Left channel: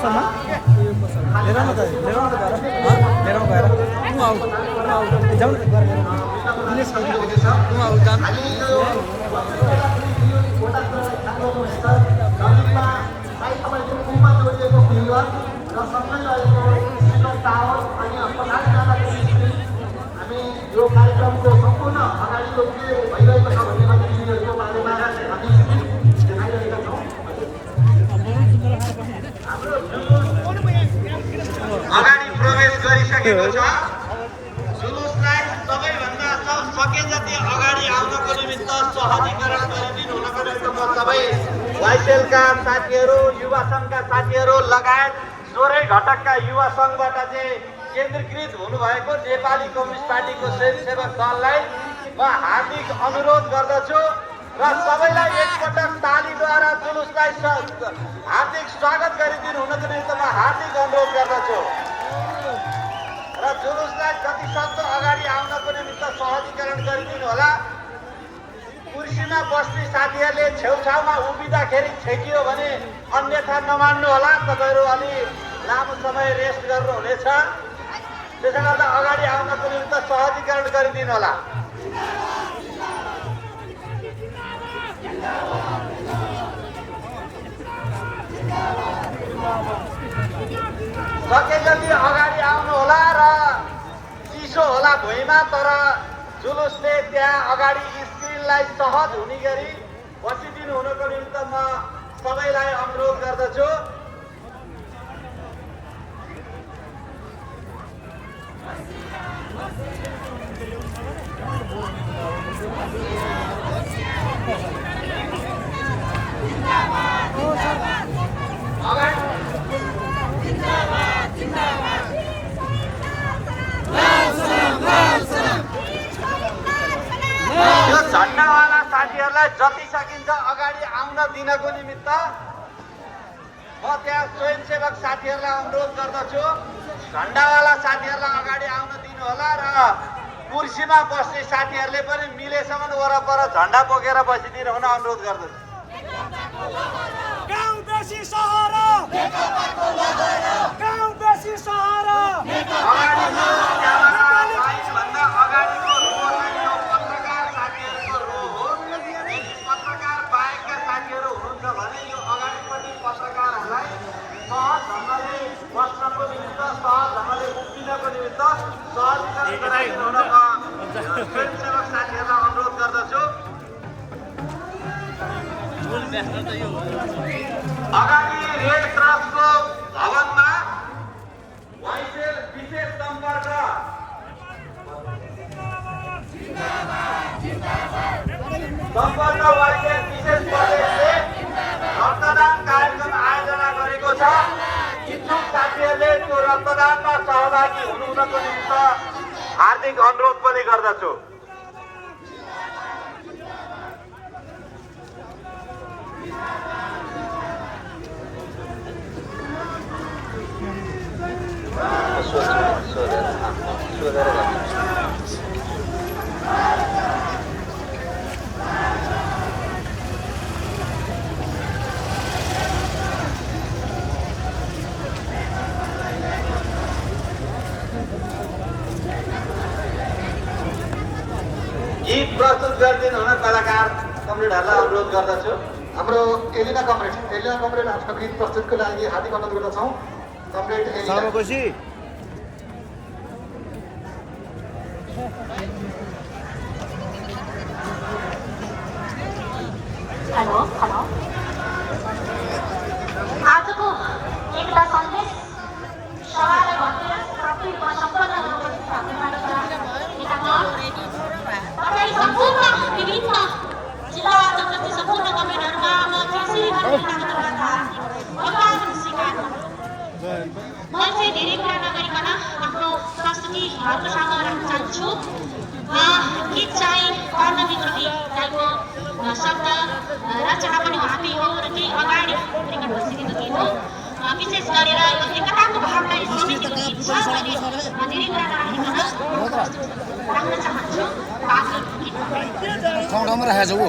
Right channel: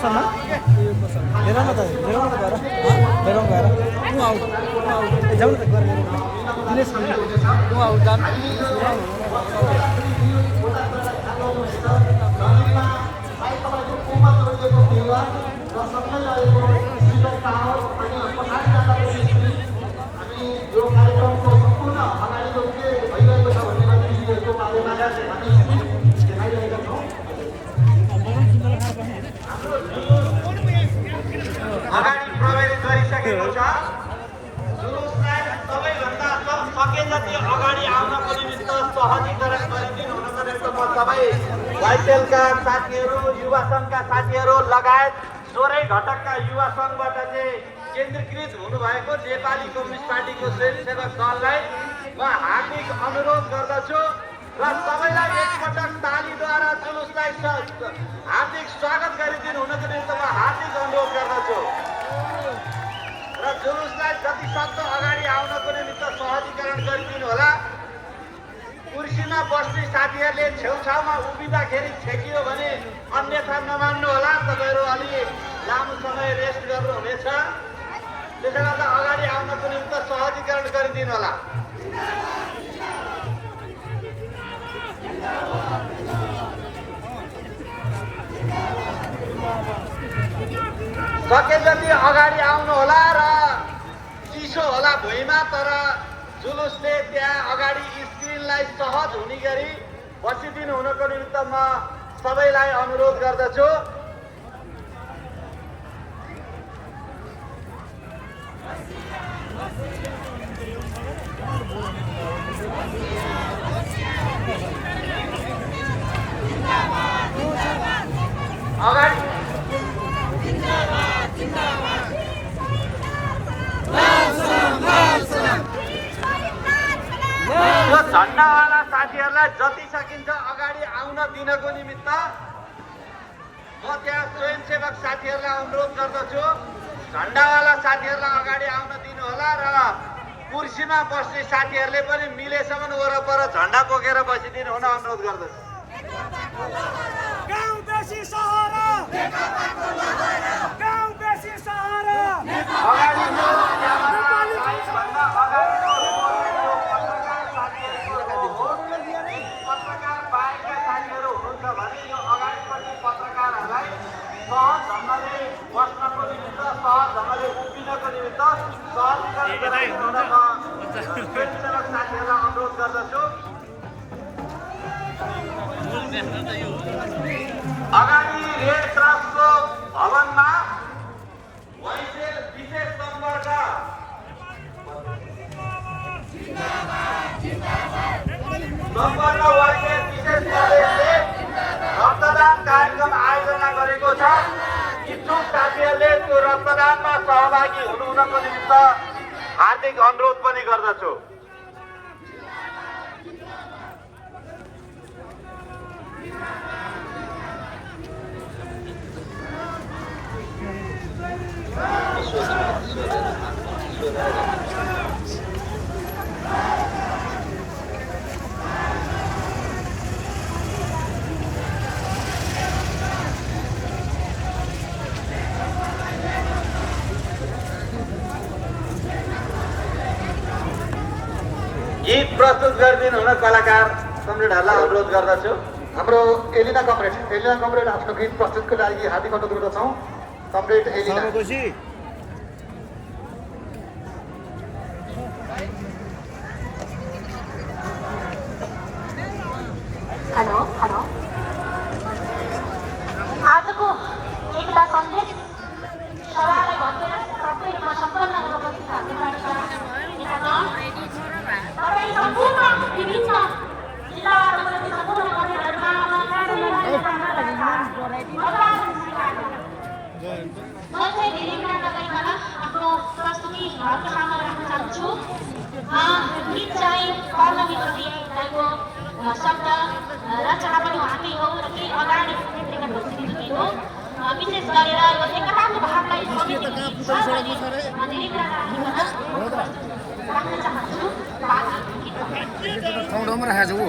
पसलमा हेर न त जाउँ न दिनेश यो कार्यक्रमको सम्पूर्ण अगाडिको के भइरहेको छ भन्ने मान्छेहरूको बारेमा देखाइरहेका छौँ। अगाडि प्रवेश गरिसकेको छ। जुलुसलाई सबैभन्दा सके जति अगाडि आउनको निमित्त सहजीकरण गरिदिनु हुनको निमित्त म सबै वाइसेलका साथीहरू, युवा सङ्घका साथीहरू लगायत सोह्रै घटकका युवा सङ्घबाट चाहिँ केन्द्रीकृत हुनुभएको नेपाली कम्युनिस्ट पार्टीको स्वयंसेवक दललाई म हार्दिक अनुरोध गर्दछु र सबैलाई एकपटक तालीद्वारा जुलुसलाई हार्दिक स्वागत गरिदिनु हुनको निमित्त म हार्दिक अनुरोध गर्दछु र जुलुसलाई जतिसक्दो अगाडि आउनको निमित्त सहजीकरण गरिदिनु होला। कुर्सीमा बस्ने साथीहरूले छेउछाउमा उभिँदाखेरि छेकियो भने अन्यथा नमान्नु होला। तपाईँहरू अलि लामो समय रेस्ट गर्नुहुनेछ, त्यसो गर्दा अगाडि आउनको निमित्त सहजीकरण गरिदिनु होला। सके जति अगाडि आउनु होला र चिसो होला भुइँमा, तर जुलुसले त्यहाँ अगाडि स्क्रिनलाई सहज हुने गरी बसिदिनु हुनको निमित्त म सबैलाई अनुरोध गर्दछु। यो झन्डावाला साथीहरूलाई जति सकिन्छ अगाडि आउन दिनको निमित्त म त्यहाँ स्वयंसेवक साथीहरूलाई अनुरोध गर्दछु। झन्डावाला साथीहरूलाई अगाडि आउन दिनु होला र कुर्सीमा बस्ने साथीहरूले पनि मिलेसम्म वरपर झन्डा बोकेर बसिदिनु हुन अनुरोध गर्दछु। अगाडि रेड क्रसको भवनमा वाइसेल विशेष सम्पर्क वाइसेल विशेष दलले रक्तदान कार्यक्रम आयोजना गरेको छ। इच्छुक साथीहरूले त्यो रक्तदानमा सहभागी हुनुको निमित्त हार्दिक अनुरोध पनि गर्दछु। गीत प्रस्तुत गरिदिनु हुन कलाकार कमरेडहरूलाई अनुरोध गर्दछु। हाम्रो एलिना कमरेड आफ्नो गीत प्रस्तुतको लागि हार्दिक अनुरोध गर्दछौँ। कमरेड एलिना हेलो आजको एकता सन्देश सभालाई भएर सबै सम्पन्न उपस्थित तपाईँ सम्पूर्ण विभिन्न जिल्लाबाट उपस्थित सम्पूर्ण कमरेडहरूमा म चाहिँ धेरै कुरा नगरिकन आफ्नो प्रस्तुति यहाँको सामु राख्न चाहन्छु। गीत चाहिँ कर्ण विद्रोही दाइको शब्द रचना पनि उहाँकै हो र केही अगाडि रेकर्ड भइसकेको गीत हो। विशेष गरेर यो एकताको भावलाई समेटेको गीत छ भने धेरै कुरा नराखिकन राख्न चाहन्छु। बाँकी ठाउँमा राखेको छु।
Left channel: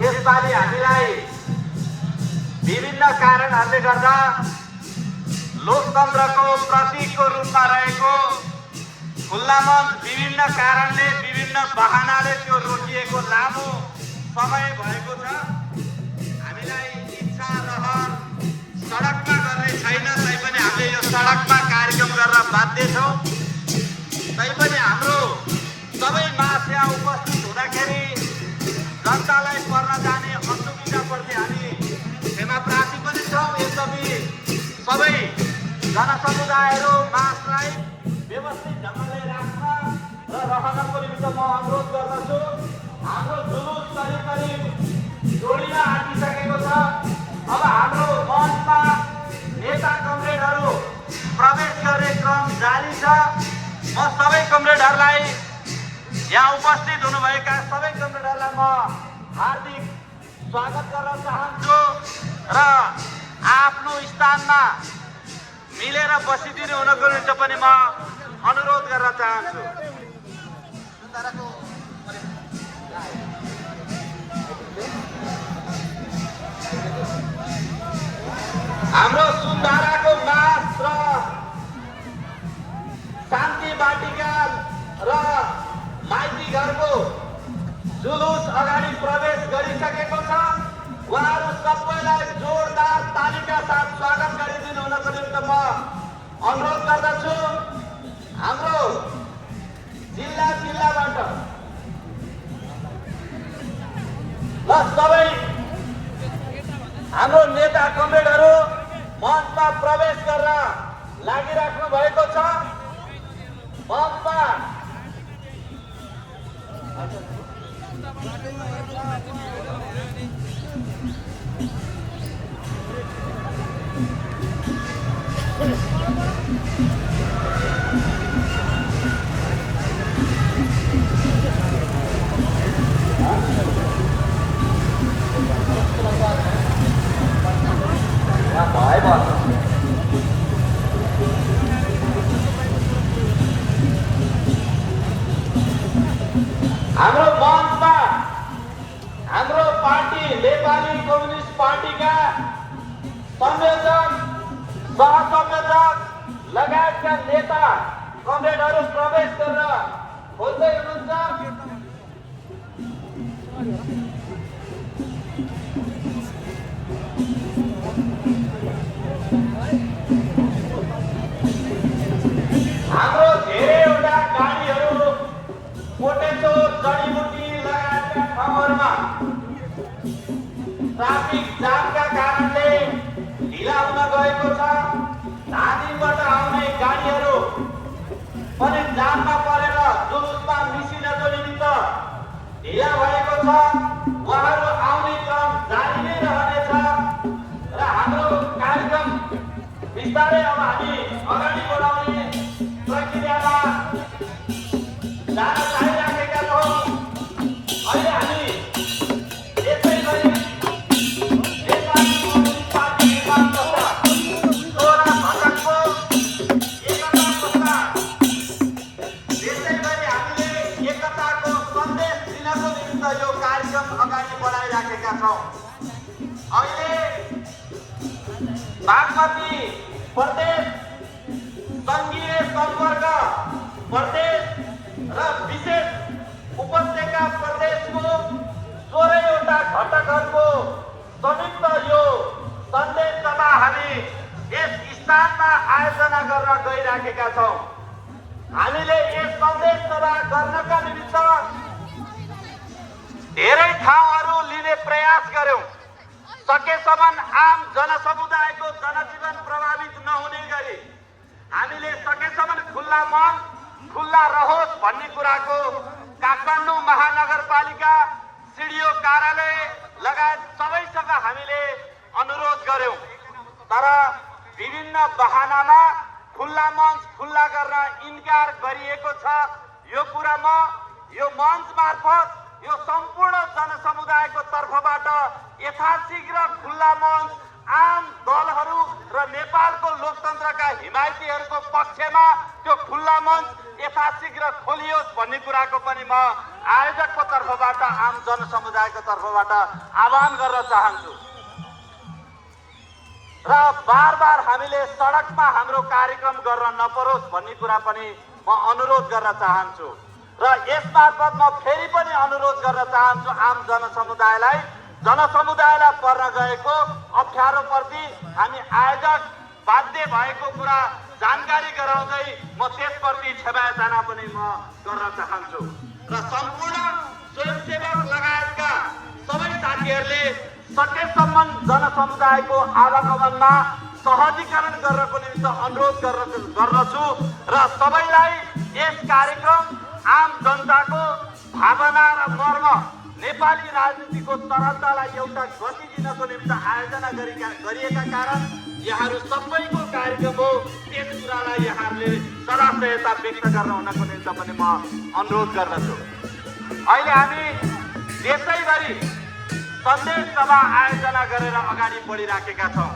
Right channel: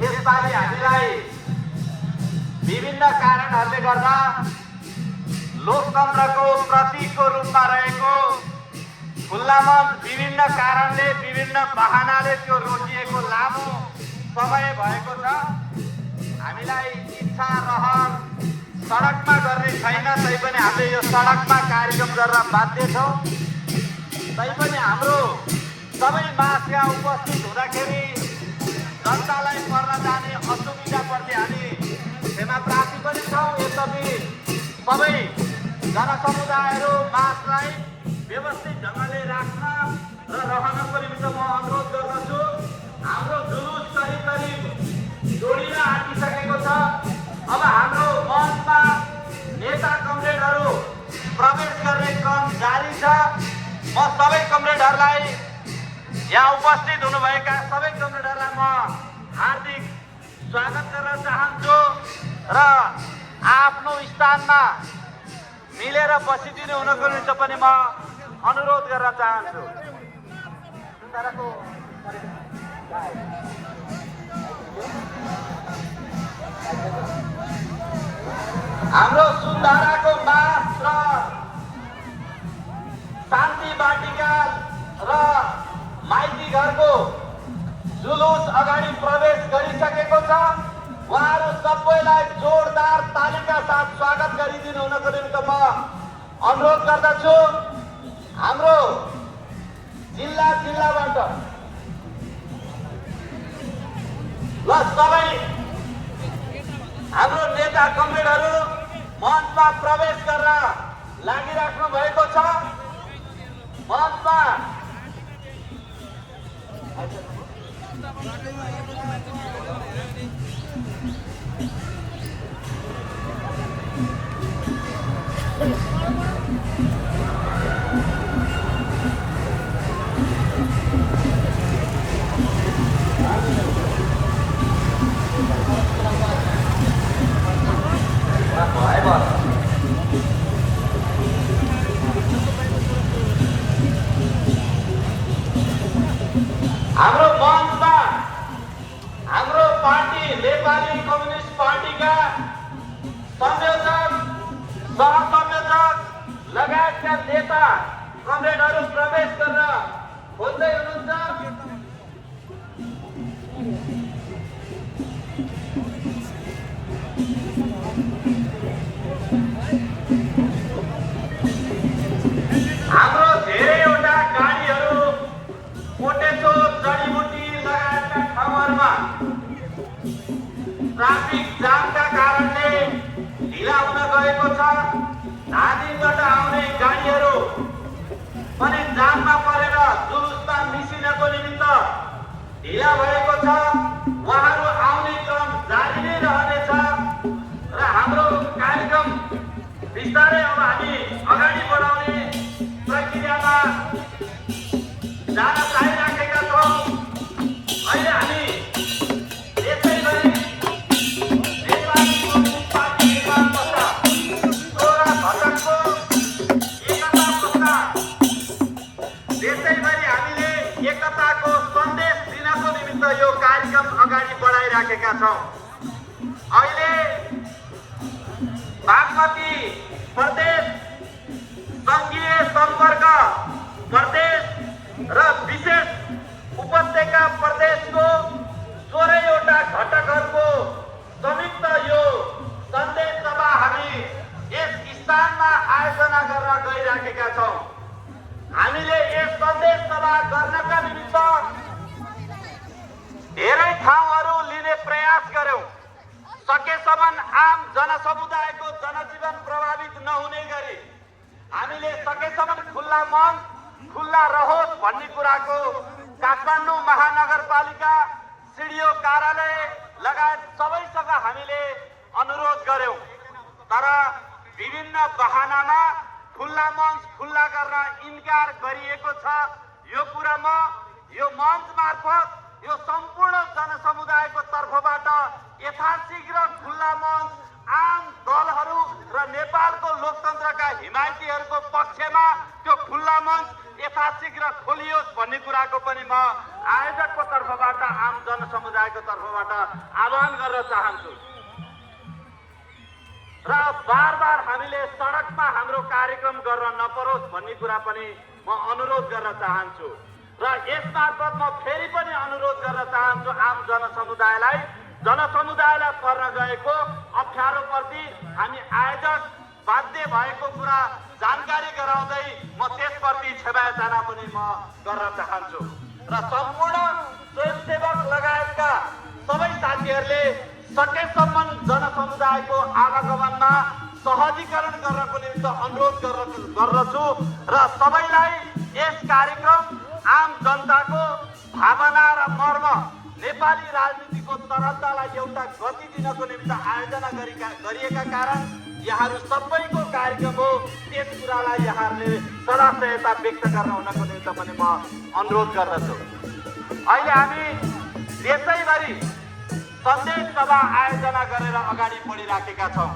यसपालि हामीलाई विभिन्न कारणहरूले गर्दा लोकतन्त्रको प्रतीकको रूपमा रहेको खुल्ला मञ्च विभिन्न कारणले विभिन्न बहानाले त्यो रोकिएको लामो समय भएको छ। हामीलाई इच्छा रहर सडकमा गर्ने छैन, तैपनि हामीले यो सडकमा कार्यक्रम गर्न बाध्य छौँ। तैपनि हाम्रो सबै मास यहाँ उपस्थित हुँदाखेरि जनतालाई पर्न जाने असुविधा पर्ने हामी क्षमा प्रार्थी पनि छौँ। यसरी सबै जनसमुदायहरू मासलाई व्यवस्थित ढङ्गले राख्न र रहनको निम्ति म अनुरोध गर्दछु। हाम्रो जुलुस करिब करिब जोडिन आँटिसकेको छ। अब हाम्रो मञ्चमा नेता कमरेडहरू प्रवेश गर्ने क्रम जारी छ। म सबै कमरेडहरूलाई, यहाँ उपस्थित हुनुभएका सबै कमरेडहरूलाई म हार्दिक स्वागत गर्न चाहन्छु र आफ्नो स्थानमा मिलेर बसिदिनु हुनको निम्ति पनि म अनुरोध गर्न चाहन्छु। हाम्रो सुन्दाराको मास र शान्ति बाटिका र माइती घरको जुलुस अगाडि प्रवेश गरिसकेको छ। उहाँहरू सबैलाई जोरदार तालीका साथ स्वागत गरिदिनु हुनको निम्ति म अनुरोध गर्दछु। हाम्रो जिल्लाबाट ल सबै हाम्रो नेता कमरेडहरू मञ्चमा प्रवेश गर्न लागिराख्नु भएको छ। मञ्चमा हाम्रो मञ्चमा हाम्रो पार्टी नेपाली कम्युनिस्ट पार्टीका लगायतका नेता कमरेडहरू प्रवेश गर्न खोज्दै हुनुहुन्छ। हाम्रो धेरैवटा गाडीहरू कोटेश्वर जडीबुटी लगायतका ठाउँहरूमा ट्राफिक जामका कारणले ढिला हुन गएको छ। धादिङबाट आउने गाडीहरू पनि जाममा परेर जुलुसमा मिसिनको निमित्त ढिला भएको छ। उहाँहरू आउने क्रम जारी नै रहनेछ र हाम्रो कार्यक्रम बिस्तारै अब हामी अगाडि बढाउने प्रक्रियामा जान लागिराखेका छौँ। अहिले हामी यसैगरी नेपाली कम्युनिस्ट पार्टी नेपाल तथा गोरा घटकको एकता तथा त्यसैगरी हामीले एकताको सन्देश दिनको निमित्त यो कार्यक्रम अगाडि बढाइराखेका छौँ। अहिले बागमती प्रदेश सङ्घीय सम्पर्क प्रदेश र विशेष उपत्यका प्रदेशको 16वटा घटकहरूको संयुक्त यो सन्देश सभा हामी यस स्थानमा आयोजना गर्न गइराखेका छौँ। हामीले यस सन्देश सभा गर्नका निमित्त धेरै ठाउँहरू लिने प्रयास गर्यौं। सकेसम्म आम जनसमुदायको जनजीवन प्रभावित नहुने गरी हामीले सकेसम्म खुल्ला मन खुल्ला रहोस् भन्ने कुराको काठमाडौँ महानगरपालिका सिडिओ कार्यालय लगायत सबैसँग हामीले अनुरोध गर्यौं। तर विभिन्न बहानामा खुल्ला मञ्च खुल्ला गर्न इन्कार गरिएको छ। यो कुरा म यो मञ्च मार्फत यो सम्पूर्ण जनसमुदायको तर्फबाट यथाशीघ्र खुल्ला मञ्च आम दलहरू र नेपालको लोकतन्त्रका हिमायतीहरूको पक्षमा त्यो खुल्ला मञ्च यथाशीघ्र खोलियोस् भन्ने कुराको पनि म आयोजकको तर्फबाट आम जनसमुदायको तर्फबाट आह्वान गर्न चाहन्छु। र बार हामीले सडकमा हाम्रो कार्यक्रम गर्न नपरोस् भन्ने कुरा पनि म अनुरोध गर्न चाहन्छु। र यसमार्फत म फेरि पनि अनुरोध गर्न चाहन्छु आम जनसमुदायलाई पर्न गएको अप्ठ्यारोप्रति हामी आयोजक बाध्य भएको कुरा जानकारी गराउँदै म त्यसप्रति क्षमायाचना पनि म गर्न चाहन्छु। र सम्पूर्ण स्वयंसेवक लगायतका सबै साथीहरूले सकेसम्म जनसमुदायको आवागमनमा सहजीकरण गर्नको निमित्त अनुरोध गर्दछु र सबैलाई यस कार्यक्रम आम जनताको भावना र मर्म नेपाली राजनीतिको तरङ्गलाई एउटा गति दिनको निमित्त आयोजना गरिएका कारण यहाँहरू सबैको कार्यक्रम हो। त्यस कुरालाई यहाँहरूले सदा सहायता व्यक्त गर्न हुनको निमित्त पनि म अनुरोध गर्दछु। अहिले हामी देशैभरि सन्देश सभा आयोजना गरेर अगाडि बढिराखेका छौँ।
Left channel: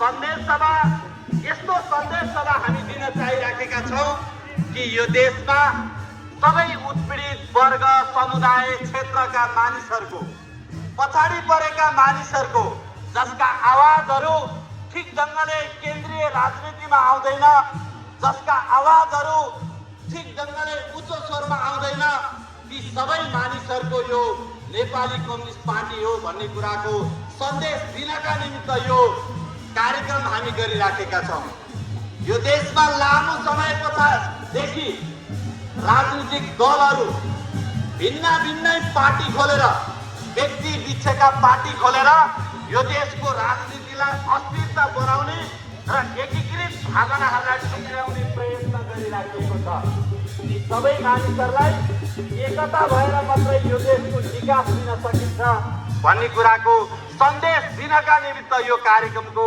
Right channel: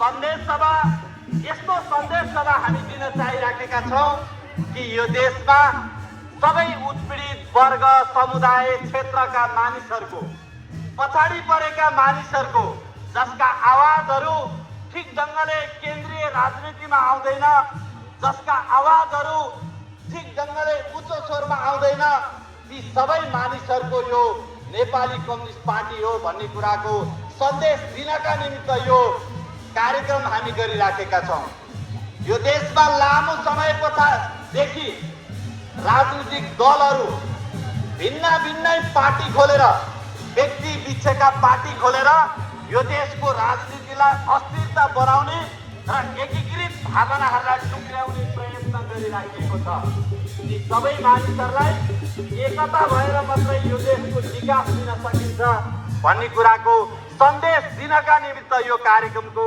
सन्देश सभा यस्तो सन्देश सभा हामी दिन चाहिराखेका छौँ कि यो देशमा सबै उत्पीडित वर्ग समुदाय क्षेत्रका मानिसहरूको पछाडि परेका मानिसहरूको जसका आवाजहरू ठिक ढङ्गले केन्द्रीय राजनीतिमा आउँदैन, जसका आवाजहरू ठिक ढङ्गले उच्च स्वरमा आउँदैन, ती सबै मानिसहरूको यो नेपाली कम्युनिस्ट पार्टी हो भन्ने कुराको सन्देश दिनका निमित्त यो कार्यक्रम हामी गरिराखेका छौँ। यो देशमा लामो समयदेखि राजनीतिक दलहरू भिन्नै पार्टी खोलेर व्यक्ति बिचका पार्टी खोलेर यो देशको राजनीतिलाई अस्थिरता बनाउने र एकीकृत भावनाहरूलाई टुक्र्याउने प्रयत्न गरिराखेको छ। यी सबै मानिसहरूलाई एकता भएर मात्रै यो देशको विकास दिन सकिन्छ भन्ने कुराको सन्देश दिनका निमित्त यो कार्यक्रमको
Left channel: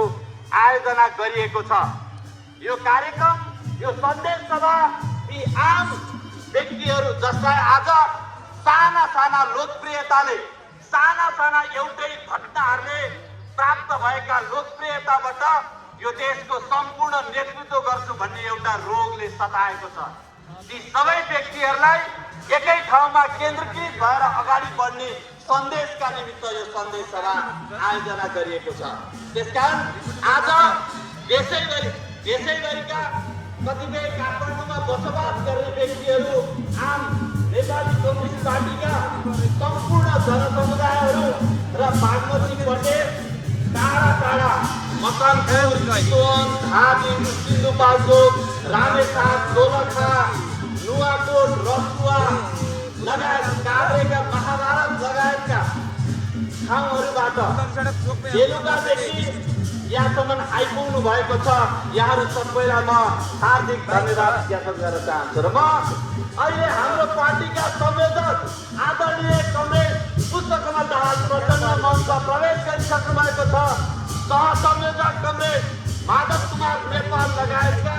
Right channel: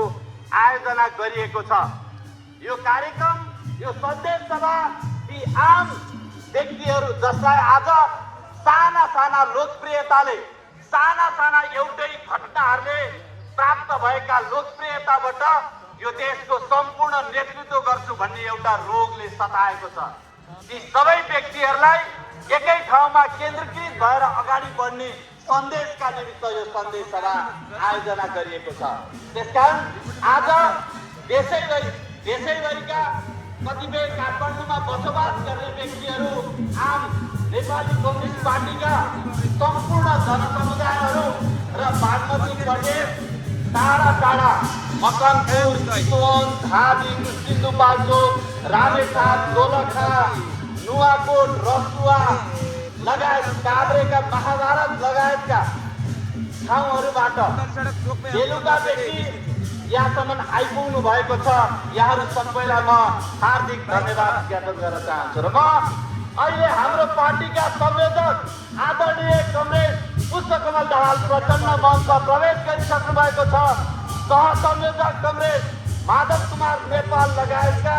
आयोजना गरिएको छ। यो कार्यक्रम यो सन्देश सभा यी आम व्यक्तिहरू जसलाई आज साना लोकप्रियताले साना एउटै घटनाहरूले प्राप्त भएका लोकप्रियताबाट यो देशको सम्पूर्ण नेतृत्व गर्छु भन्ने एउटा रोगले सताएको छ। ती सबै व्यक्तिहरूलाई एकै ठाउँमा केन्द्रीकृत भएर अगाडि बढ्ने सन्देशका निमित्त यो सन्देश सभा आयोजना गरिएको छ। त्यसकारण आज देशैभरिका कतिपय काठमाडौँमा बसोबास गर्ने व्यक्तिहरू आम नेपाली कम्युनिस्ट पार्टीका सम्पूर्ण जनसमुदायहरू र बागमती प्रदेश टाढा टाढा मकनपुर, चितवन, धादिङ, सिन्धुपाल्चोक, रामेछाप, दोलखा, नुवाकोट, रसुवा लगायत काभ्रेका महाभारत लगायतका ठाउँहरूबाट बेलुकादेखि यहाँसम्म आइपुग्नु भएको छ। यहाँहरू सबैलाई म हार्दिक धन्यवाद ज्ञापन गर्न चाहन्छु। र म अहिले हाम्रो पार्टीका संयोजक आदरणीय कमरेड पुष्पकमल दाहाल प्रचण्ड मञ्चमा प्रवेश गरिसक्नु भएको छ। सहसंयोजक कमरेड माधव कुमार नेपाल लगायतका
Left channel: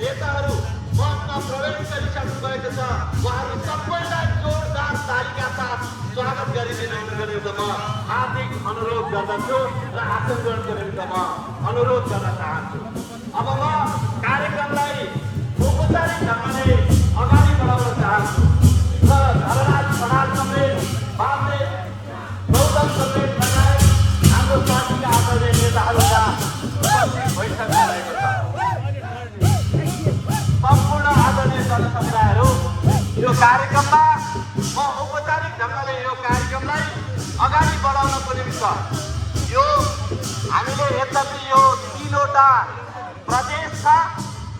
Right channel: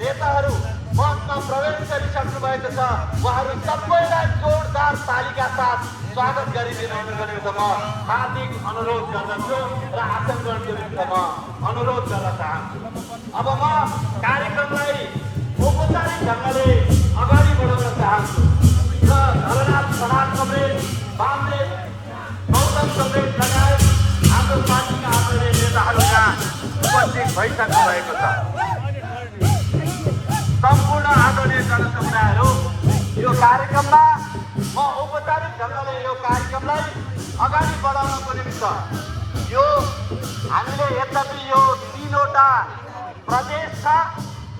नेताहरू मञ्चमा प्रवेश गरिसक्नु भएको छ। उहाँहरू सबैलाई जोरदार तालीका साथ स्वागत गरिदिनु गरेको म हार्दिक अनुरोध गर्दछु र आसन ग्रहण गरेको म अनुरोध गर्न चाहन्छु। अब म कार्यक्रमलाई औपचारिक ढङ्गले अगाडि बढाउन चाहन्छु र धरनाथ खनाल कमरेड, वामदेव गौतम कमरेड लगायत हाम्रो पार्टीका आदरणीय नेताहरूका उपस्थित भइसक्नु भएको छ। सम्पूर्ण आदरणीय जनसमुदायहरू, यो कार्यक्रममा म औपचारिक ढङ्गले यो कार्यक्रमलाई अगाडि बढाउनको निमित्त यो हामीले यद्यपि यो 3वटा प्रदेश छ,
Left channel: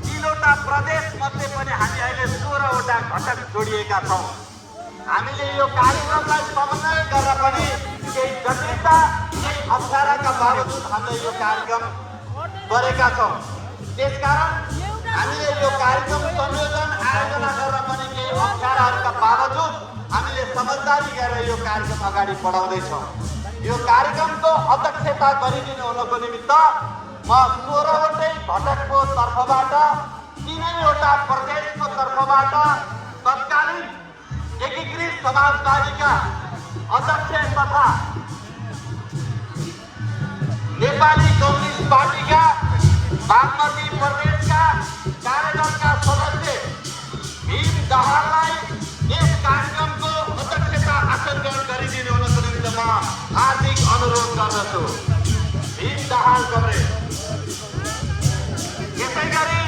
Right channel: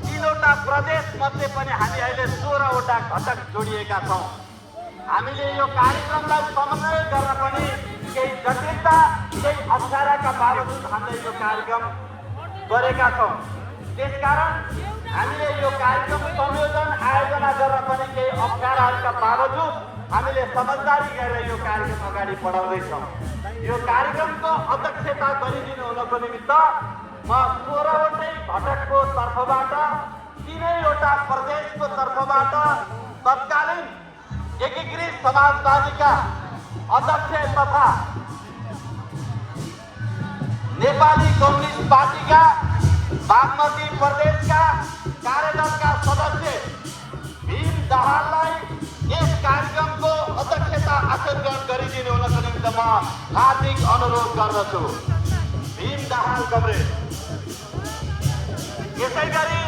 3वटा प्रदेश मध्ये पनि हामी अहिले 16वटा घटक जोडिएका छौँ। हामीले यो कार्यक्रमलाई समन्वय गर्न पनि केही जटिलता, केही अप्ठ्याराका बावजुद हामीले यो कार्यक्रम गरेका छौँ। त्यसकारण हामीले यो कार्यक्रम संयोजन आयोजना गर्न पनि केही अप्ठ्याराहरूका बावजुद हामीले समझदारी गरेर यो कार्यक्रम अगाडि बढाउँदैछौँ। यो कार्यक्रमको अध्यक्षता गरिदिनु हुनको निमित्त म 16वटै घटकको तर्फबाट, 3वटा प्रदेशको तर्फबाट तत्कालीन एकीकृत समाजवादीका अध्यक्ष तथा नेपाली कम्युनिस्ट पार्टीका बागमती प्रदेशका कार्यदलका सदस्य भीम दाहाललाई यस कार्यक्रमको अध्यक्षता आसन ग्रहण गरिदिनु हुनको निमित्त म हार्दिक अनुरोध गर्दछु। भीम दाहाल कमरेड। यसै गरी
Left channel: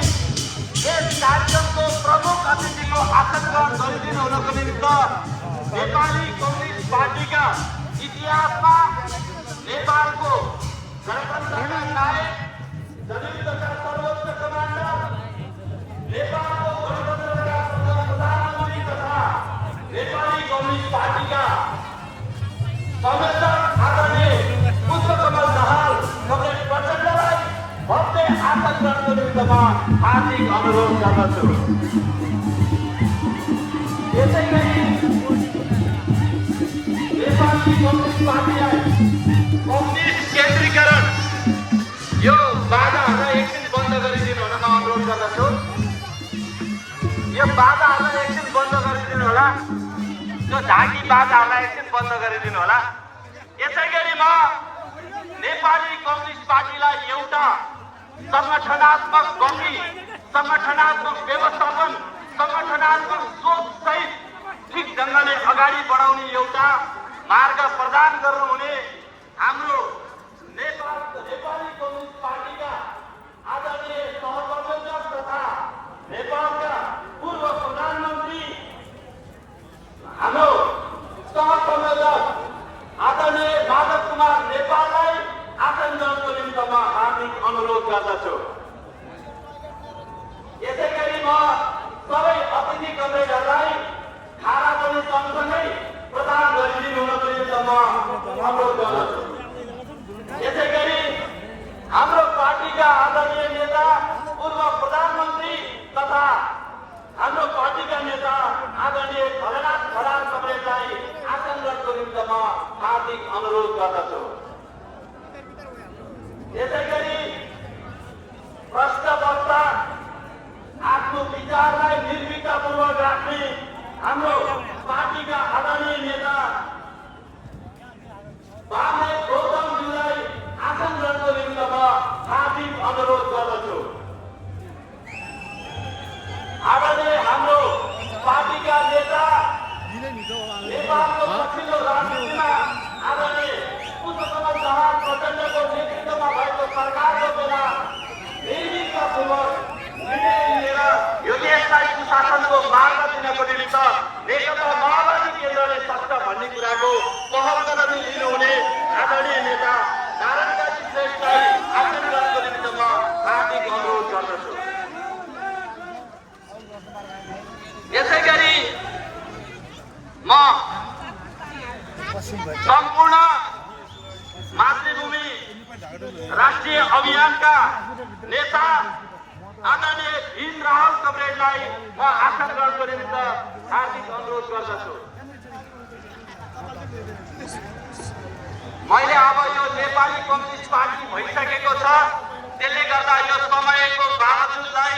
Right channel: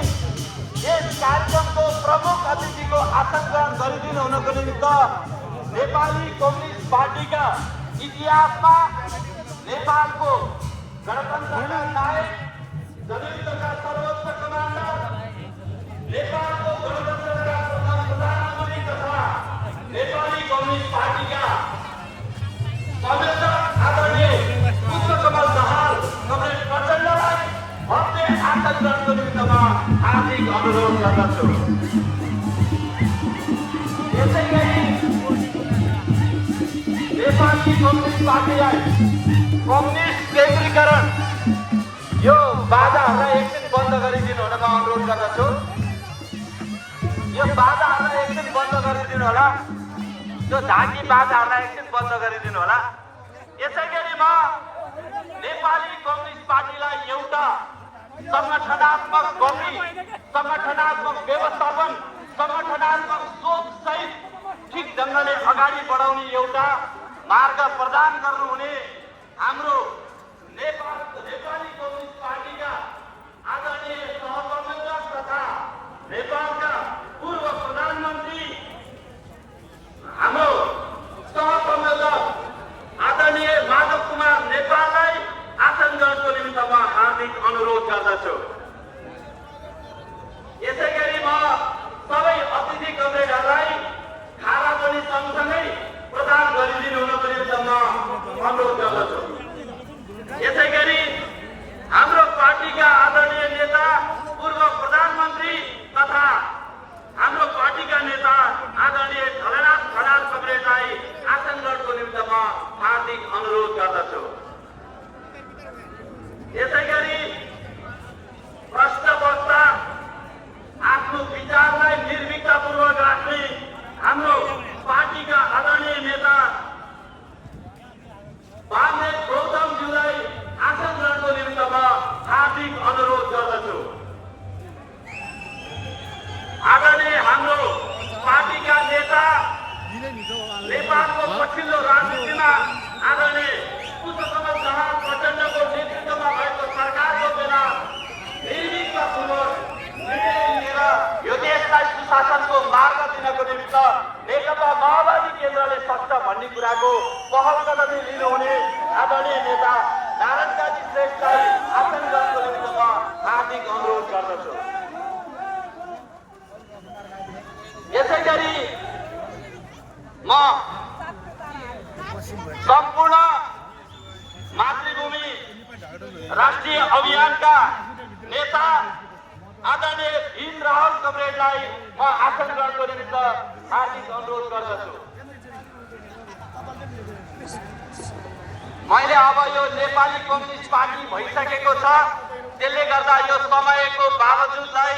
यस कार्यक्रमको प्रमुख अतिथिको आसन ग्रहण गरिदिनु हुनको निमित्त नेपाली कम्युनिस्ट पार्टीका इतिहासमा नेपालको गणतन्त्रका नायक, जनयुद्धका सर्वोच्च कमान्डर, नेपालको गणतन्त्रका प्रधानमन्त्री तथा नेपाली कम्युनिस्ट पार्टीका संयोजक आदरणीय पुष्पकमल दाहाल कमरेड प्रचण्डलाई भव्य आसन ग्रहणको निमित्त म हार्दिक अनुरोध गर्दछु। यसै गरी नेपाली कम्युनिस्ट पार्टीलाई कम्युनिस्ट केन्द्रीकरण यो बाधाहरूलाई एकछिन बन्द गरिदिनु हुन म अनुरोध गर्दछु। यो बाधाहरूलाई एकछिन बन्द गरिदिनु होला, त्यो झाँकी बाधाहरूलाई एकछिन बन्द गरिदिनु होला। यसै गरी म नेपाली कम्युनिस्ट पार्टीलाई एउटा सङ्गठनात्मक गति, सङ्गठनात्मक व्यवस्थापन, सङ्गठनात्मक सोचसहित ठिक ढङ्गले अगाडि बढाउने एउटा मार्ग प्रदान गर्नुहुने हाम्रो नेपाली कम्युनिस्ट पार्टीका आदरणीय सहसंयोजक तथा नेपालका पूर्व प्रधानमन्त्री हाम्रो सहसंयोजक आदरणीय माधव कुमार नेपाललाई आसन ग्रहणको निमित्त म हार्दिक अनुरोध गर्दछु। यसै गरी म सबै अतिथि कमरेडहरूलाई खाना पनि सँगसँगै प्रदान गरिदिनु हुनको निमित्त म अनुरोध गर्दछु। यसै गरी हाम्रो पार्टीका आदरणीय नेता, पूर्व प्रधानमन्त्री तथा हाम्रो पार्टीका नेता आदरणीय धरनाथ खनाल कमरेडलाई आसन ग्रहणको निमित्त म हार्दिक अनुरोध गर्दछु। यसै गरी दिनको निमित्त नेकपा माओवादी केन्द्रले सक्छ भन्ने कुराको पहल कदमी लिनुहुने आदरणीय नेता नारायण काजी श्रेष्ठलाई आसन ग्रहणको निमित्त म हार्दिक अनुरोध गर्दछु। यसै गरी म सम्पूर्ण मातृभूमि राष्ट्रिय अभियानका नेता आदरणीय भीम राहुल कमरेडलाई म आसन ग्रहणको निमित्त हार्दिक अनुरोध गर्दछु। मैले अब यो नेपाली कम्युनिस्ट पार्टी भइसकेको छ, त्यसले गर्दा यो समयको बावजुदलाई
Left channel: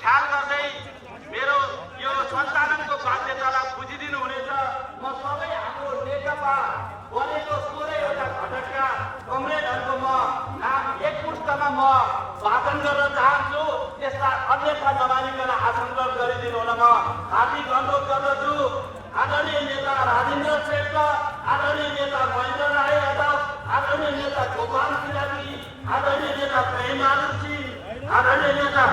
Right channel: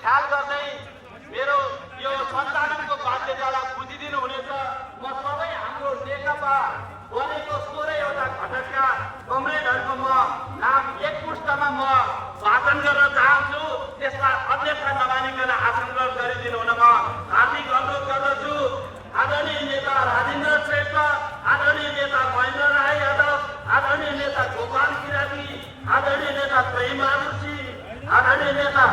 ख्याल गर्दै मेरो यो सञ्चालनको बाध्यतालाई बुझिदिनु हुनेछ। म सबै हाम्रो नेकपा बनेको 16वटा घटकका कमरेडहरूको म नाम एकमुष्टमा म वाचन गर्न चाहन्छु। त्यसलाई अन्यथा नमानिकन आसन ग्रहण गरिदिनु हुन म हार्दिक अनुरोध गर्दछु। आदरणीय नेता राजेन्द्र श्रेष्ठ, आदरणीय नेता महेन्द्र राई यादव, आदरणीय नेता गोपाल किराती, आदरणीय नेता प्रेमबहादुर सिंह, आदरणीय नेता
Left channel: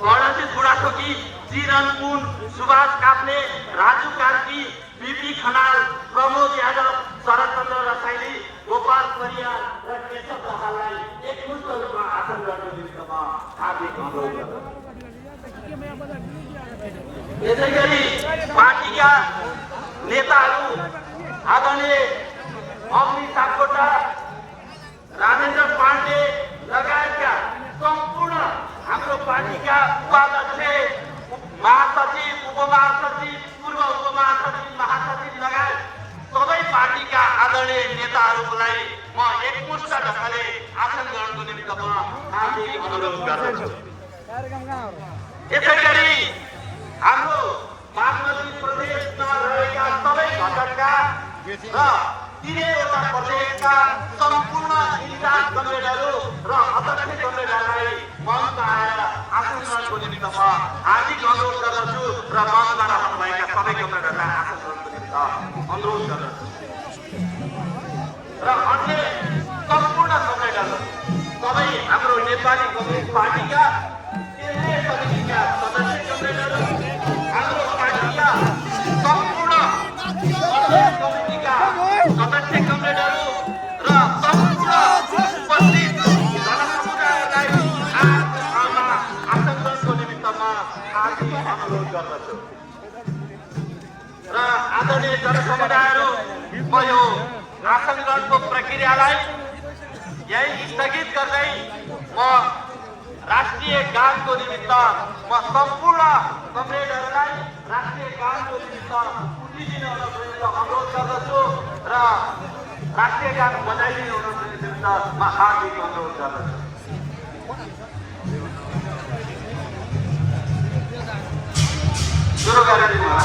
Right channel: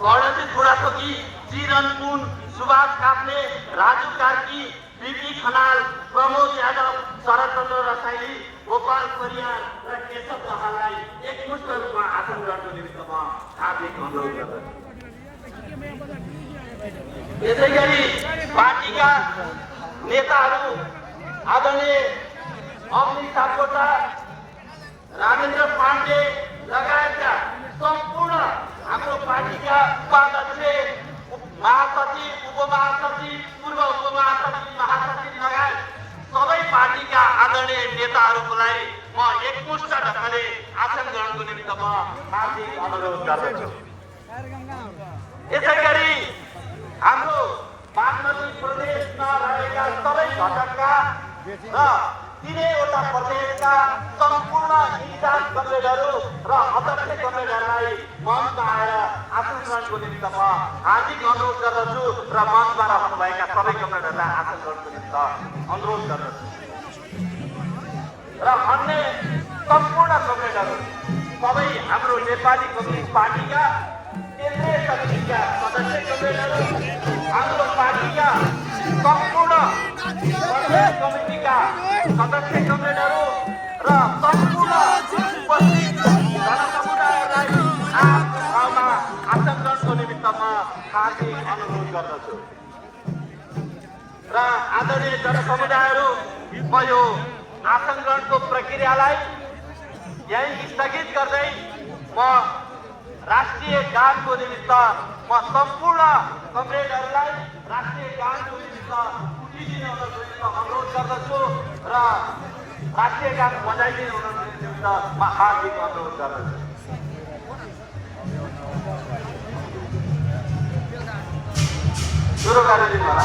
कर्णजित बुढाथोकी, चिरन पुन, सुभाष काफ्ले, राजु कार्की, बीपी खनाल, प्रमोद यादव, शरदचन्द्र रसाइली, गोपाल परियार र केशव दाहाललाई एकमुष्ट रूपमा आसन ग्रहणको निमित्त म हार्दिक अनुरोध गर्दछु। यसै गरी पार्टीका नेताहरू आदरणीय अग्नि सापकोटा, राजेन्द्र पाण्डे लगायतका सम्पूर्ण हाम्रो पार्टीका उपाध्यक्ष, महासचिव, उपमहासचिव, पूर्व उपमहासचिव, महासचिव लगायत सबै पार्टीका आदरणीय नेताहरूलाई म एकमुष्ट ढङ्गले आसन ग्रहणको निमित्त म हार्दिक अनुरोध गर्दछु। यसै गरी हाम्रो बागमती प्रदेशमा रहेका सबै घटकका र 3वटा प्रदेशका सम्पूर्ण इन्चार्ज कमरेडहरू र अध्यक्ष कमरेडहरूलाई मञ्चमा आएर आसन ग्रहणको निमित्त म हार्दिक अनुरोध गर्दछु र मञ्चमा रहनुभएका सबै कमरेडहरूलाई आसन ग्रहणको निमित्त अनुरोध गर्दछु। र अन्य सम्पूर्ण कमरेडहरू सबै हाम्रो नेपाली कम्युनिस्ट पार्टीका केन्द्रीय समितिका सदस्य कमरेडहरू, हाम्रो पार्टीका सम्पूर्ण प्रदेश कमिटीका सदस्य कमरेडहरू र सम्पूर्ण उपस्थित जनसमुदायलाई आफ्नो ठाउँमा आसन ग्रहणको निमित्त म हार्दिक अनुरोध गर्दछु। र आदरणीय जनसमुदायहरू, म यो आसन ग्रहणको प्रक्रियालाई यही स्थगित गर्दै म राष्ट्रिय गानको निमित्त म सम्पूर्ण कमरेडहरूलाई राष्ट्रिय गानको निमित्त उठिदिनु हुनको निमित्त अनुरोध गर्दछु र राष्ट्रिय गान बजाइदिनु हुनको निमित्त म हार्दिक अनुरोध गर्दछु। सुरु गरिदिनु होला।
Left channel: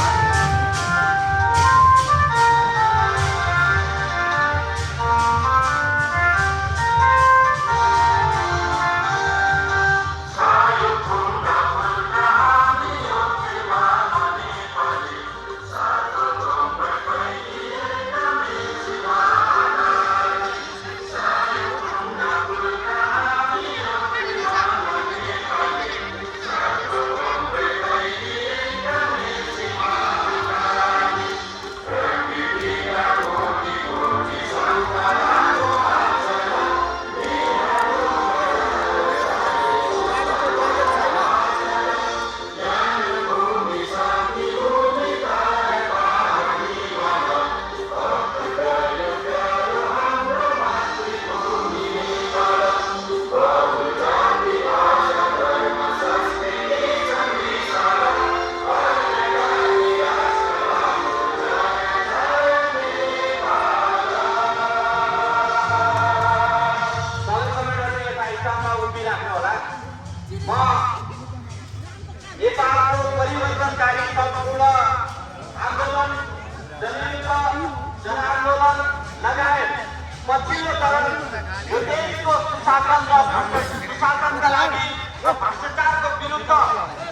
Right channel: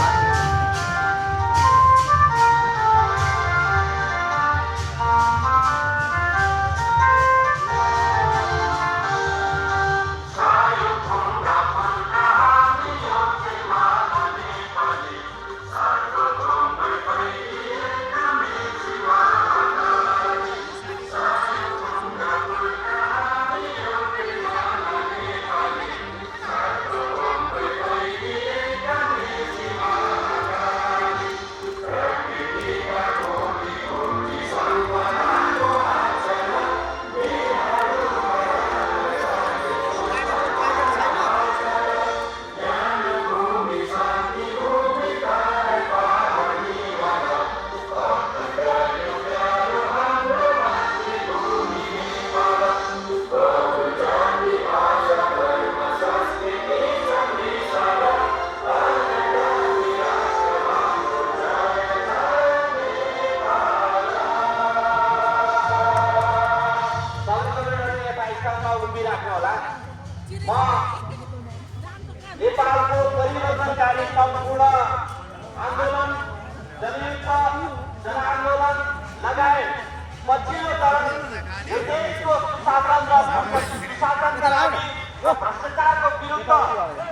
भ्रष्टाचारको विरुद्ध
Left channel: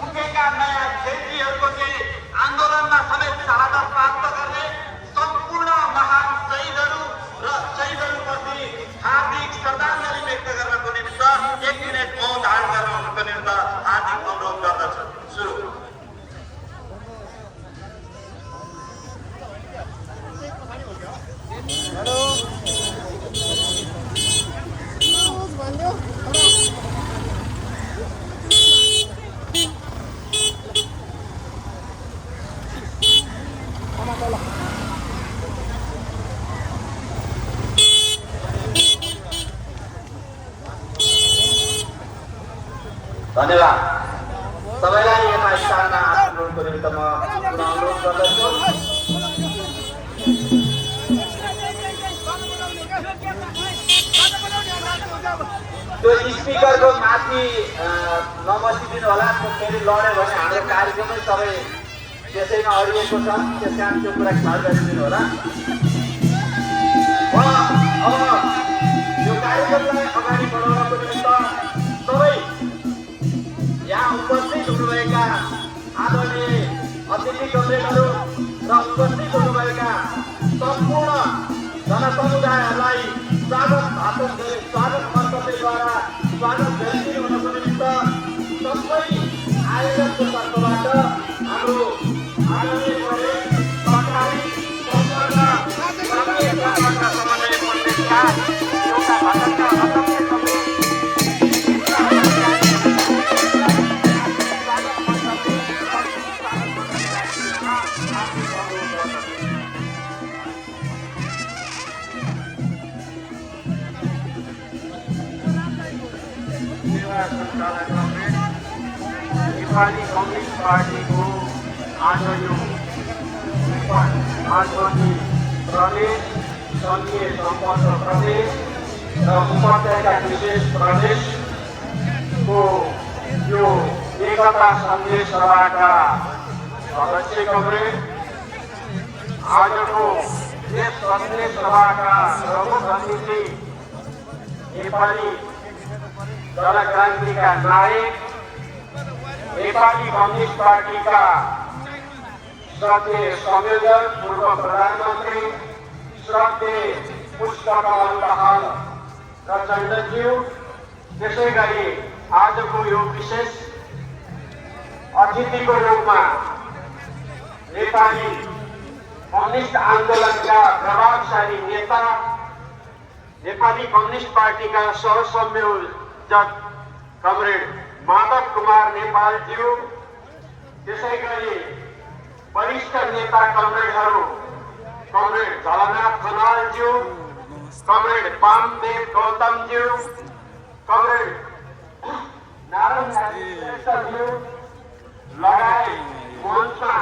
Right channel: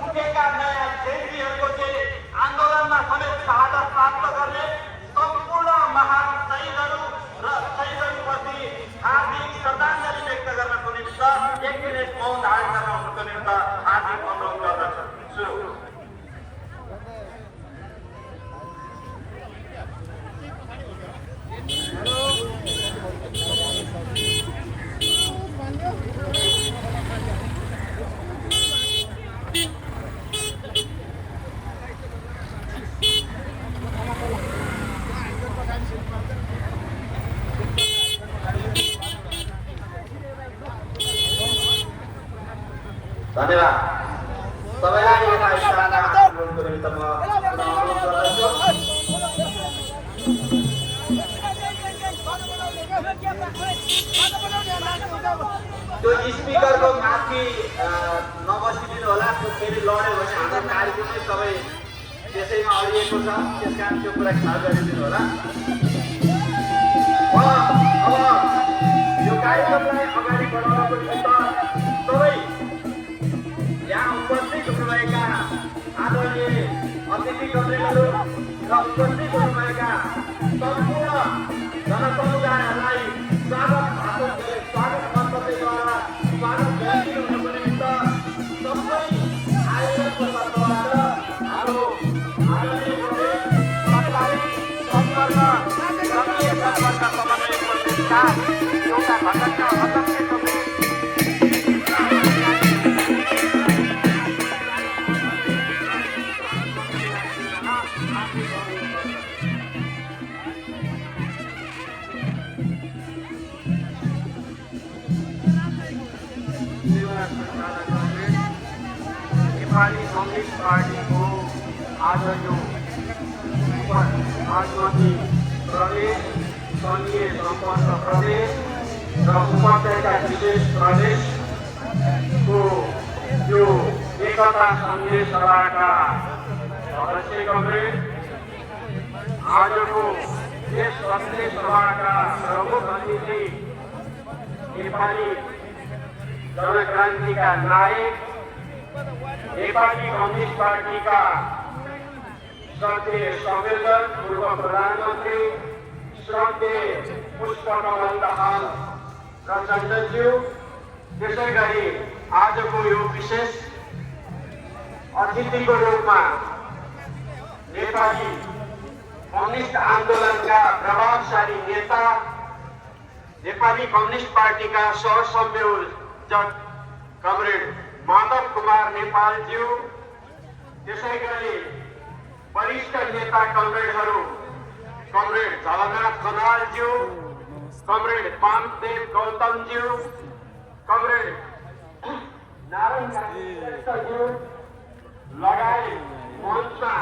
उठेका नयाँ शहीदहरूको चाहिँ आन्दोलनमा समेत शहादत प्राप्त गर्ने सम्पूर्ण महान शहीदहरू र शहीदहरूप्रति हार्दिक श्रद्धाञ्जली व्यक्त गर्नको निमित्त 1 मिनेट मौन धारण गर्नको निमित्त हार्दिक अनुरोध गर्दछु। सुरु। धन्यवाद। सबैलाई यता इसारामा अनुरोधको निमित्त म अनुरोध गर्दछु। त्यो स्पिकरको माथि नबसिदिनु होला, फेरि लड्यो भने हाम्रो कार्यक्रमै तपाईँ त्यसैमा अडिएको छ, त्यस कारण त्यो कुरा ख्याल गरिदिनु होला। यो कार्यक्रमलाई अगाडि बढाउनको निमित्त सबै यहाँ उपस्थित हुनुभएका आदरणीय अतिथि कमरेडहरू र उपस्थित हुनुभएका सम्पूर्ण जनसमुदायहरूलाई स्वागत मन्तव्यद्वारा स्वागत गरिदिनुको निमित्त सबै आयोजकहरूबाट हाम्रो आदरणीय कमरेड सरकारी सम्पर्क राष्ट्रिय सम्पर्क समन्वय प्रदेशका एउटा घटकका अध्यक्ष कमरेड नेपाली कम्युनिस्ट पार्टीको आज यो मार्चवती प्रदेश, सङ्घीय सम्पर्क प्रदेश र उपत्यका विशेष प्रदेशको यो एकता सन्देश सभाका अध्यक्ष कमरेड, आजको यस सन्देश सभाका प्रमुख अतिथि नेपाली जनक्रान्तिका नायक, नेपाली कम्युनिस्ट पार्टीका श्रद्धेय संयोजक पूर्व प्रधानमन्त्री श्रद्धेय पुष्पकमल दाहाल प्रचण्डज्यू, त्यसै गरी आजको यो विशेष अतिथिको रूपमा नेपाली कम्युनिस्ट आन्दोलनका प्रभावशाली नेता, नेपाली कम्युनिस्ट पार्टीका सहसंयोजक कमरेड माधव कुमार नेपालज्यू, त्यसै गरी वरिष्ठ नेता कमरेडहरू कमरेड झलनाथ खनालज्यू, कमरेड वामदेव गौतमज्यू, कमरेड नारायण श्रेष्ठज्यू लगायत मञ्चमा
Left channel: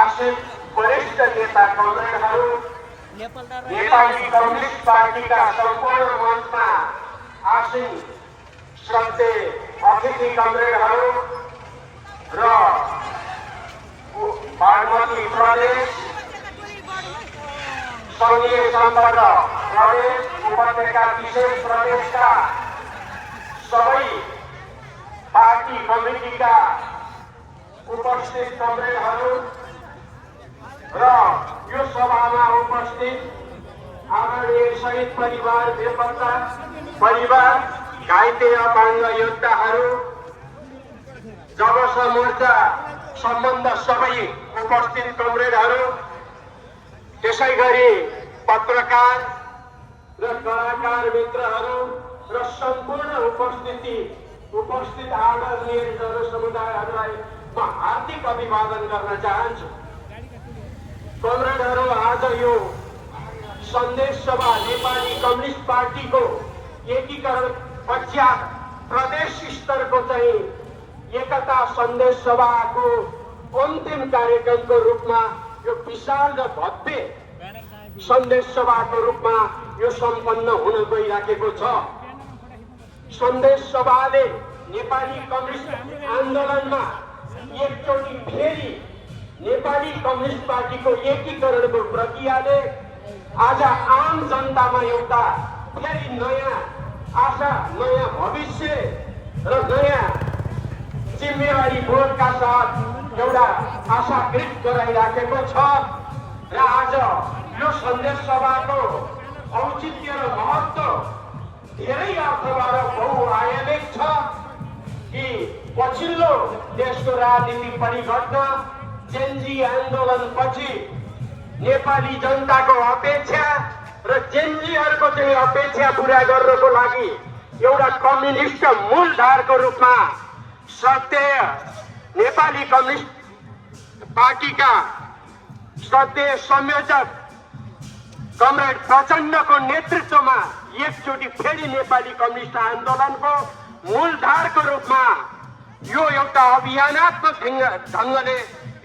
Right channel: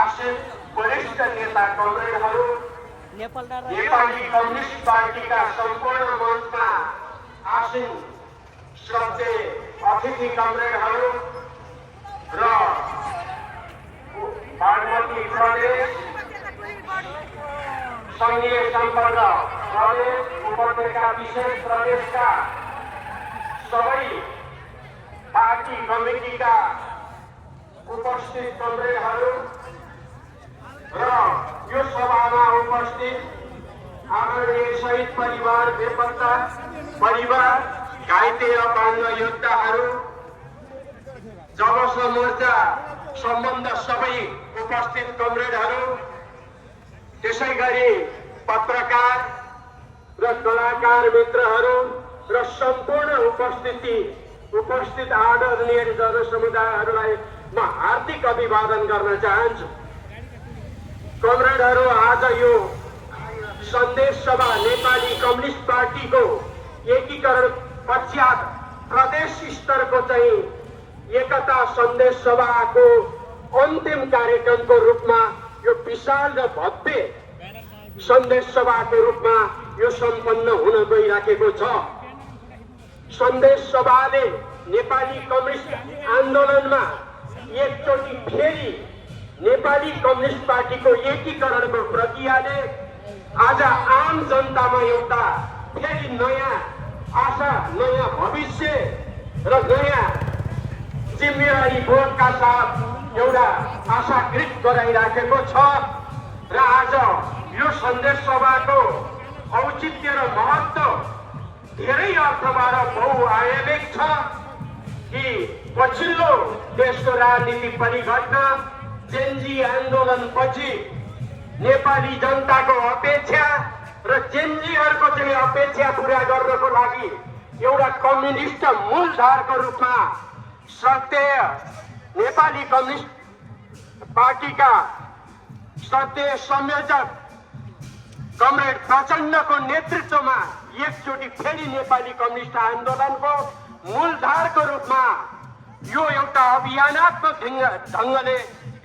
आसीन वरिष्ठ नेता कमरेडहरू, नेपाली कम्युनिस्ट पार्टीका सम्पूर्ण मञ्चमा आसीन श्रद्धेय अतिथि कमरेडहरू र बागमती प्रदेश, सङ्घीय सम्पर्क प्रदेश, उपत्यका विशेष प्रदेशका सबै पार्टी कमिटीका उपस्थित कमरेडहरू र यो सभामा उपस्थित आदरणीय शहीद परिवार, बेपत्ता परिवार, घाइते अपाङ्ग योद्धाहरू, जब मोर्चा सम्बन्ध सबै उपस्थित कमरेडहरू, त्यसै गरी पत्रकार र कलाकार मित्रहरू र सम्पूर्ण उपस्थित आदरणीय जनसमुदायहरूलाई म हार्दिक अभिवादन गर्न चाहन्छु। कमरेडहरू, आज यो सन्देश सभा नेपाली कम्युनिस्ट पार्टीको एकीकरण पश्चात प्रदेश स्तरको चाहिँ एकता सन्देश सभाको अन्तिम कार्यक्रमको रूपमा यो विशाल र भव्य सन्देश सभाको रूपमा यो सम्पन्न हुन गइराखेको छ। सन्देश सभाले नेपाली कम्युनिस्ट आन्दोलनमा एकचोटि फेरि नेपाली कम्युनिस्ट पार्टीको एकीकरणको प्रक्रियाले आज आम जनतामा एउटा फेरि नयाँ आशा, नयाँ भविष्य र नयाँ जिम्मेवारी बोधका साथ एउटा आशाकृत गराइराखेको छ। र आज यो सन्देश सभाको औचित्य र महत्त्व धेरै अर्थबाट बहुआयामिक छ कि पछिल्लो देशको राजनीतिक परिघटना जेनजी आन्दोलनपछि नेपाली जनताको अपेक्षा र जेनजीहरूको चाहिँ अपेक्षा पूरा गर्नको लागि एउटा कम्युनिस्ट मूलधारको रूपमा श्रद्धेय नेपाली कम्युनिस्ट पार्टीका श्रद्धेय संयोजक कमरेड प्रचण्डको नेतृत्वमा एकचोटि फेरि नेपाली कम्युनिस्ट आन्दोलनको मूलधारको रूपमा यो एउटा अभियानात्मक ढङ्गले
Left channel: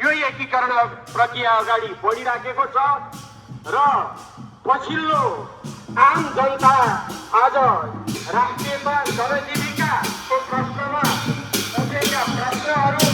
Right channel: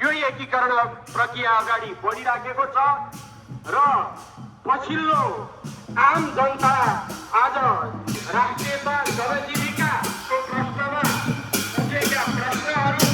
यो एकीकरण प्रक्रिया अगाडि बढिराखेको छ र पछिल्लो आम जनता आज राष्ट्रियता सर्वजीविकाको प्रश्नमा उठेका प्रश्नहरू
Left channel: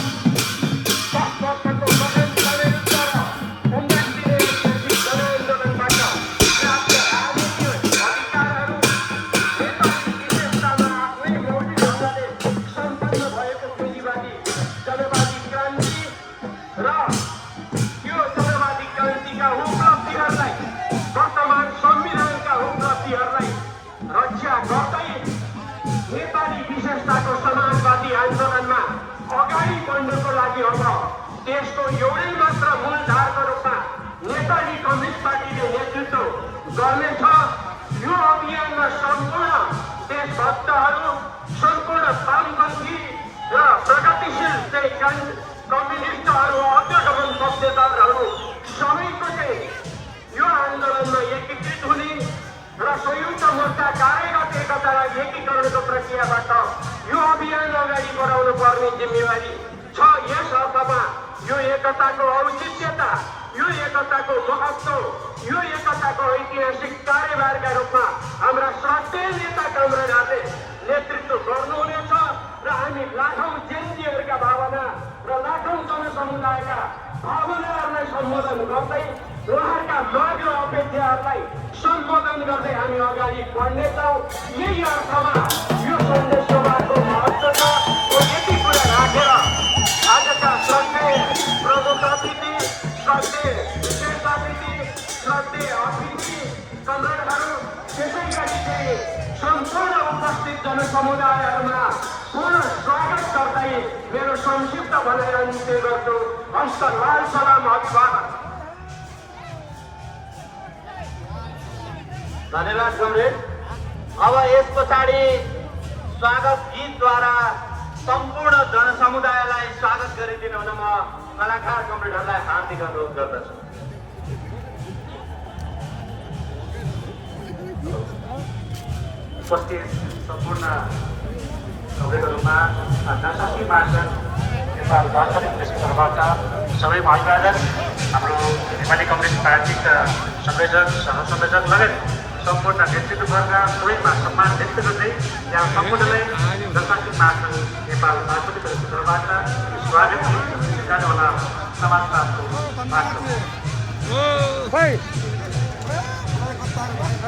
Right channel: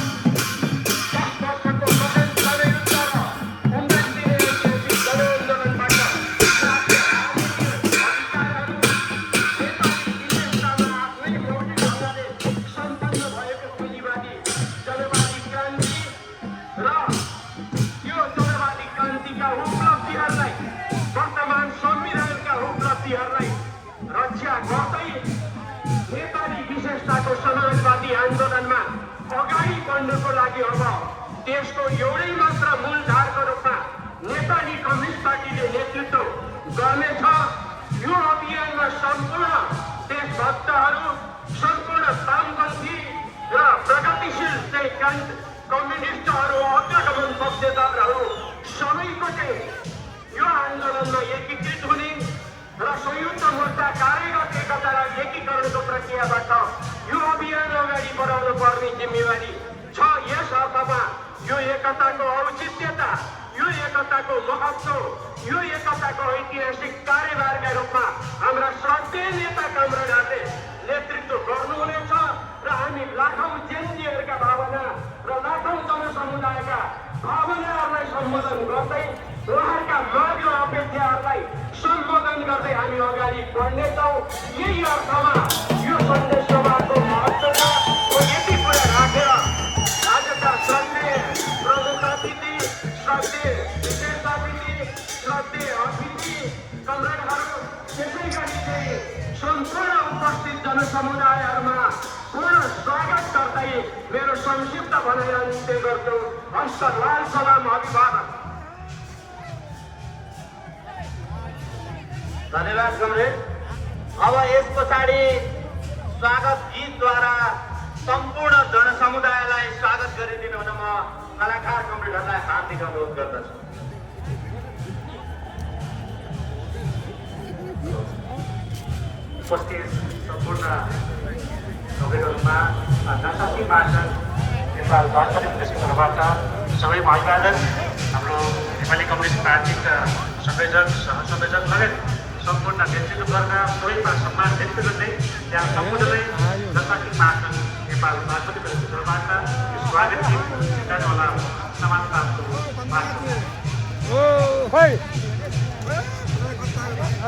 देशको एउटै मात्र मूलधारको रूपमा नेपाली कम्युनिस्ट पार्टीले नेतृत्व गर्नेछ। यो अभियानमा सम्पूर्ण देशभक्तहरू, सम्पूर्ण वामपन्थी र प्रगतिशील कम्युनिस्टहरू, अग्रगमन पक्षधरहरू सबैले यो आन्दोलनमा एकीकृत हुने र संयुक्त मोर्चा कार्यगत एकतालाई एकीकरणको प्रक्रियाबाट यो अभियान अगाडि बढाउन पर्ने जिम्मेवारी छ। यस अर्थमा यो एकताको औचित्यता, यो एकताको महत्त्व, यो एकताको ऐतिहासिक कार्यभारका रूपमा हाम्रा सत्य नेता कमरेडहरूले नेतृत्व गर्नुहुनेछ र हामी लाखौँ जेनजीहरूका भावना र लाखौँ जनसमुदायका भावनाहरूलाई सम्बोधन गर्दै उहाँहरूका माग र अपेक्षाहरूलाई सम्बोधन गर्दै हामी अगाडि बढ्नेछौँ। यही अर्थमा यो सन्देश सभाको महत्त्वता यति कुरा राखेर आजका सन्देश प्रमुख अतिथि, सन्देश विशेष अतिथि, सन्देश अतिथि कमरेडहरू, त्यसै गरी सम्पूर्ण उपस्थित जनसमुदायहरूमा पूर्ण स्वागत गर्दै मेरो संक्षिप्त भनाइ अन्त्य गर्छु। हस्त लाल सलाम, अभिवादन। धन्यवाद कमरेड। अब यस पछाडि स्वागत गीतद्वारा सम्पूर्ण जनसमुदायलाई स्वागत गरिदिनु हुन म कलाकार कमरेडहरूलाई हार्दिक अनुरोध गर्दछु। उपस्थित सम्पूर्ण कमरेडहरूमा नसाथी महाजन नेपाल वामपन्थी क्षेत्रबाट सबै भाइबहादुर, हाम्रो नेपाली कम्युनिस्ट पार्टीका संयोजक, सहसंयोजक लगायत सम्पूर्ण नेतृत्ववर्ग सबैमा सम्मान व्यक्त गर्दै यहाँ सम्पूर्णले नसाथी महाजन नेपाल वामपन्थी क्षेत्रबाट स्वागत कार्यवाला समाजमा सामान बुझाउनु फेरि उनलाई के बुझाउनु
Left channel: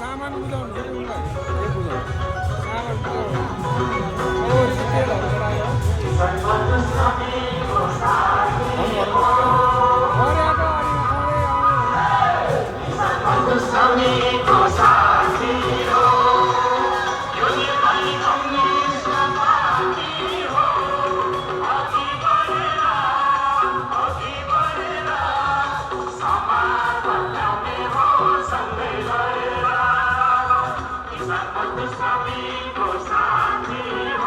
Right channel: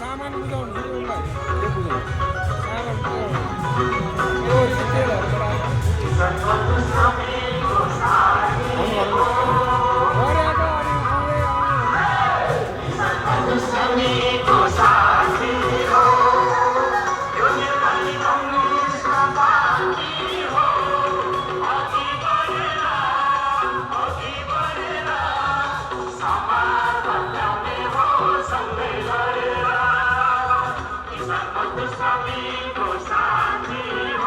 सामान बुझाउनु तेलहरू साथी हो